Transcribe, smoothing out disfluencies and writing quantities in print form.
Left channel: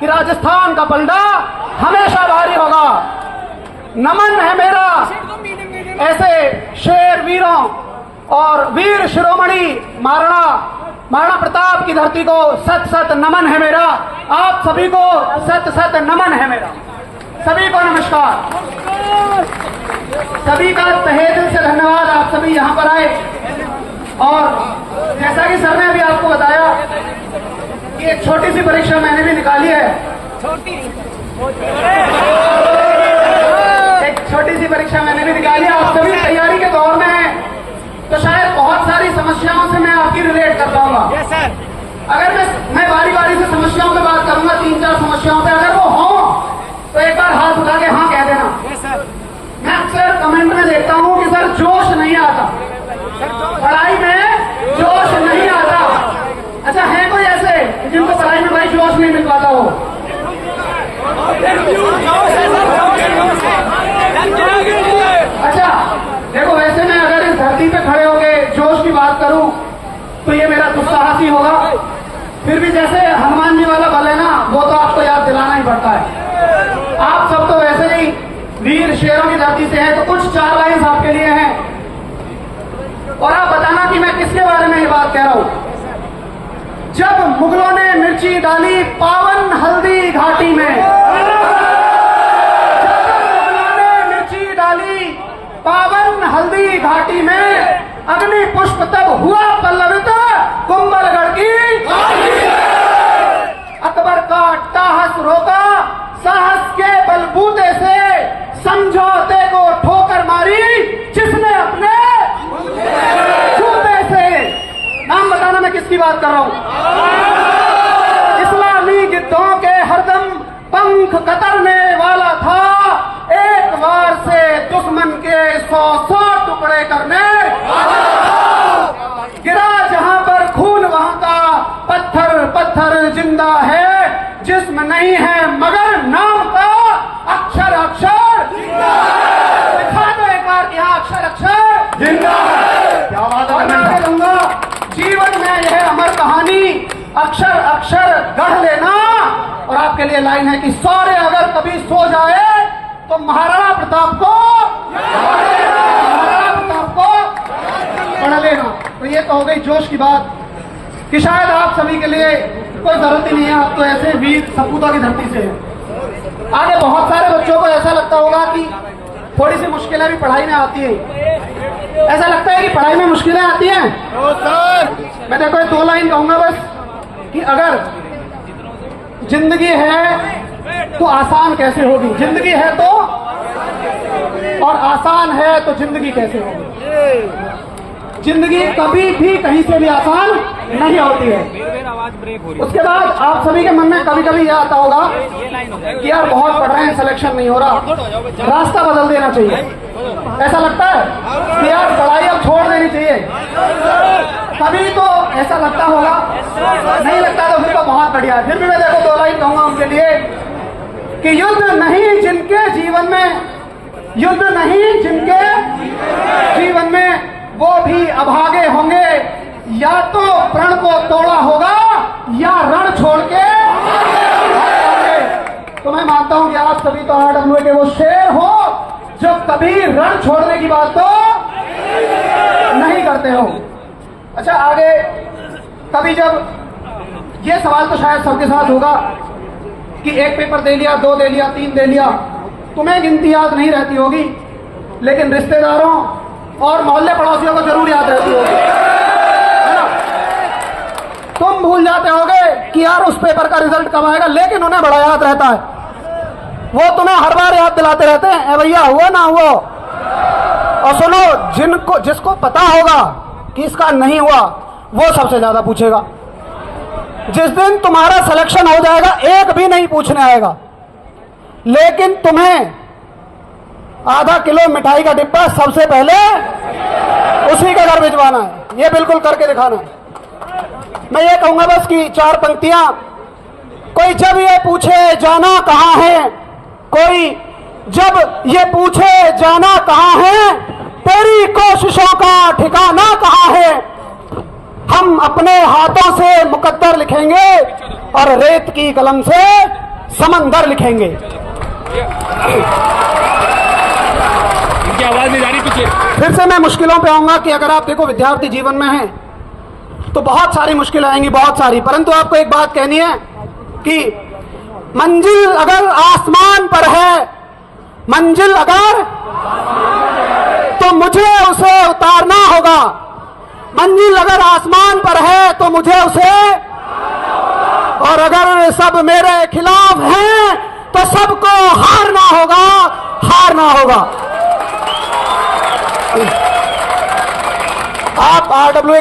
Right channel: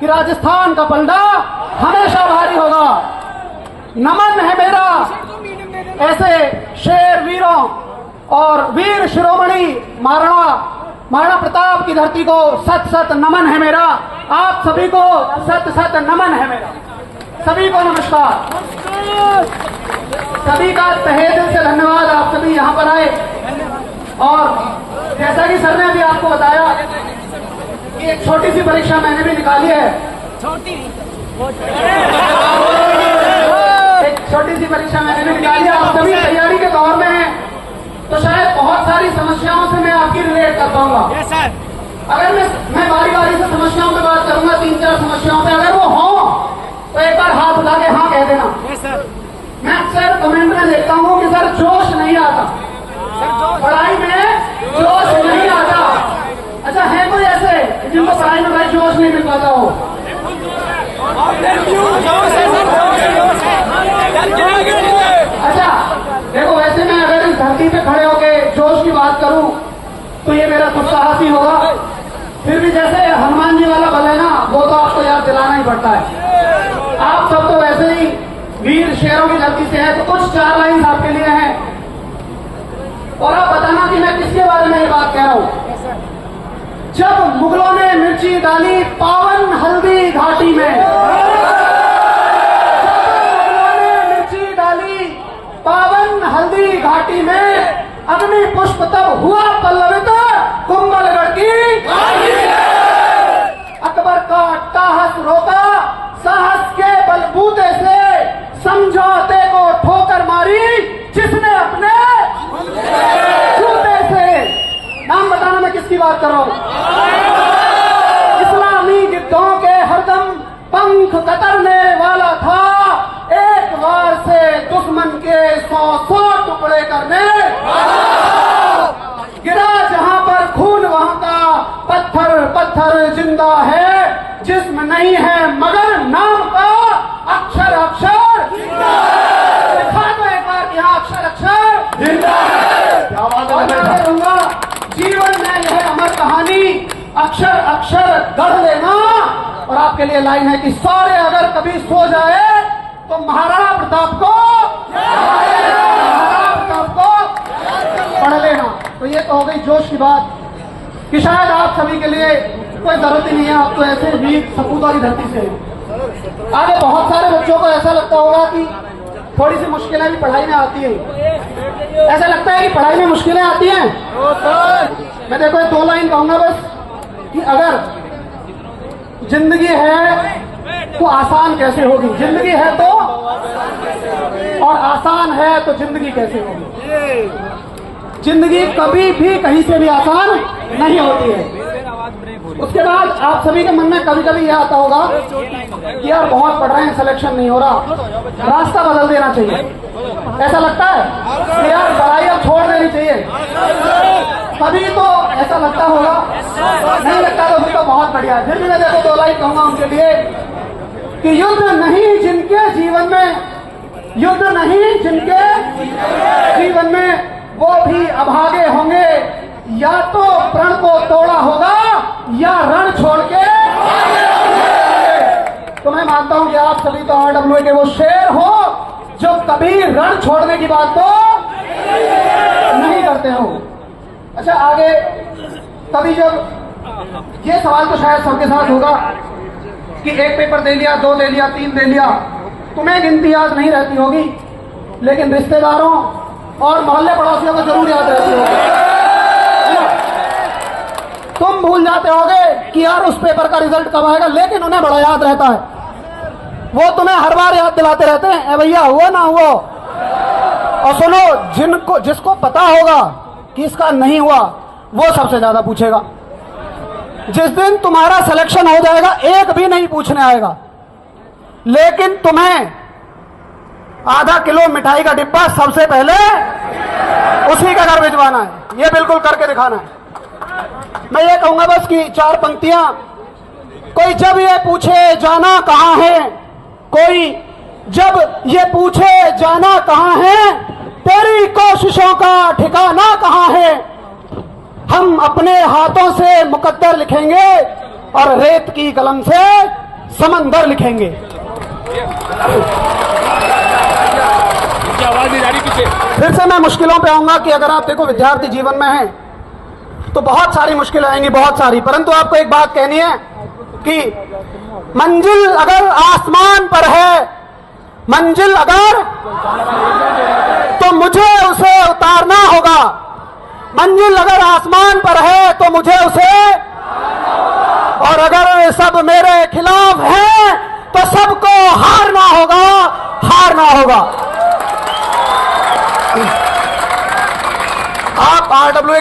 कि राजस्थान का पलड़ा हमेशा भारी होगा। नमन है मेरा ऐसे शेर वीरों और वीर शिरोमणि महाराणा प्रताप की धरती को सत सत नमन है मेरा। आप सभी को सत सत नमन है मेरा। सभी को नमस्कार। सभी का तहे दिल से धन्यवाद। आप सभी यहाँ पर आए और जैसा कि सर ने भी आपको बताया कि एक छोटी सी परीक्षा मैंने भी निकाली है। एक छोटी सी परीक्षा मैंने भी निकाली है। आप सभी तैयारी के दौर में हैं तो शायद बहुत सारी समस्याओं से मैं आपकी रिलेट कर पाऊंगा। अगर मैं बारी बारी से समस्याओं पे बात करूंगा, 3-4 समस्याओं पे अगर वो हो तो एक बार हाथ उठा के हाँ कह देना। मैं अक्सर कमेंट में देखता हूँ कि सर जोश नहीं आता, पढ़ाई में जोश नहीं आता। अच्छा, है कोई ऐसे जिनको पढ़ाई में भाई जोश नहीं मिल पाता हो? अच्छा देखो, वैसे मैं अगर इस धरती पे खड़े होके जोश की बात करूं तो ये मेरा दुस्साहस ही होगा। फिर भी जैसे हनुमान जी वाला बल है ना, वो तो आपको याद दिलाना ही पड़ता है। आप सब तो वैसे ही वीर शेरों की धरती से हैं, तो कुछ 4 लाइन आपके लिए हैं और आप बताना कि मैं किसके बारे में ये बात कह रहा हूं। जब मुगलों ने मिर्ची डाली पावन हल्दी घाटी में, पावन हल्दी घाटी में अग्नि पुष्प तब हुआ पल्लवित कुंभलगढ़ की। अकबर का साहस रोका, साहस के बलबूते से समझौते को ठोकर मारी जिसने अपने जूते से। नाम बताना मैं किसकी बात कर रहा हूं। इस्लामी गिद्धों के हरदम पंख कतरने वाला था, एक बार से दुश्मन के 100 टुकड़े करने। गिरा जहां पर खून वहां का पत्थर पत्थर जिंदा है, जिस्म नहीं है मगर नाम का अक्षर अक्षर जिंदा है। एक बार यहाँ अक्षर अक्षर जिंदा है। क्या बात है। जीवन में यह अमर कहानी अक्षर अक्षर गढ़ लेना। और आपके लिए लाइन है कि सारे अगर कभी सो जाए तो महाराणा प्रताप को पढ़ लेना। तो ये तो हो गई जोश की बात कि शायद आप सभी के लिए कोई जरूरत ही नहीं है, आपको ऐसे वीर सपूतों की धरती से। आगे बहुत सारे बच्चों को ऐसा लगता होगा कि थोड़ी सी मुश्किलें भी पढ़ाई में आती है। ऐसा लगता है कि पढ़ाई में मुश्किलें आती हैं। मैं देखो 2 लाइन कहूंगा बस कि अगर जिंदगी है तो आसान कैसे होगी, जिंदगी है तो, और आसान है तो जिंदगी कैसे होगी। जिंदगी कभी भी कहीं से भी आसान नहीं होती है। उसके बाद आप सभी के मन में कभी कभी यह आता होगा कि यार बहुत पढ़ रहे हैं, सिलेक्शन नहीं हो रहा, रास्ता बदल देना चाहिए। ऐसा लगता है कि यार पढ़ाई अब छोड़ देनी चाहिए। तभी तो ऐसा लगता होगा, नहीं लगता तो फिर तो बहुत बढ़िया। फिर भी मैं देखो 2 लाइन कहूंगा उनके लिए कि युद्ध नहीं जिनके जीवन में, युद्ध नहीं जिनके जीवन में, वो भी अभागे होंगे। या तो प्रण को तोड़ा होगा या रण छोड़ के। तो मैं मानता हूं कि आप सभी तो RWA के वो शेर हो जो कभी रण छोड़ने की बात तो नहीं करते हो। अच्छा, आगे कभी जब ये सवाल तो शायद सबके साथ होगा कि एक पेपर दे लिया, 2 दे लिया, 3 दे लिया, तुम्हें गिनती याद नहीं रहती होगी, लेकिन रिश्तेदारों और मोहल्ले पड़ोसियों को जरूर याद रहती होगी। तुम भूल जाते होगे कि यार उस पेपर का रिजल्ट कब आएगा, लेकिन उन्हें बड़ा याद रहता है। वो तुम्हें हर बार याद दिलाते रहते हैं, भैया हुआ ना हुआ। और सुनो, जिसको पता होगा कि इसका नहीं हुआ वो सबसे ज्यादा पूछेगा। जिस दिन तुम्हारा सिलेक्शन हो जाएगा एक भी नहीं पूछने आएगा, लेकिन तुम्हें आधा किलो मिठाई का डिब्बा सबसे पहले उसी का घर भिजवाना है। ये बिल्कुल करके दिखाना है। मैं ये कहूंगा बस कि 4 पंक्तियां। कोई जब ये पूछे जाना कहां है, कोई जब ये पूछे जाना कहां है, तेरी कोशिशों का ठिकाना कहां है। हम अपने हाथों से मुकद्दर लिखेंगे और रेत की कलम से समंदर लिखेंगे। आवाज नहीं जा रही पीछे। फिर से मैं मुश्किलों पे आऊंगा कि अगर आप देखो विद्यार्थी जीवन में है तो बहुत सारी मुश्किलें आएंगी, बहुत सारी, परंतु आपको एक बात कहनी है कि मंजिल अगर आसमान पर है, मंजिल अगर, तो मुझे उसे उतारना होगा। मंजिल अगर आसमान पर है तो मुझे उसे, और अगर सब मेरे खिलाफ हैं तो सबको हारना होगा, हारना होगा। आप RWA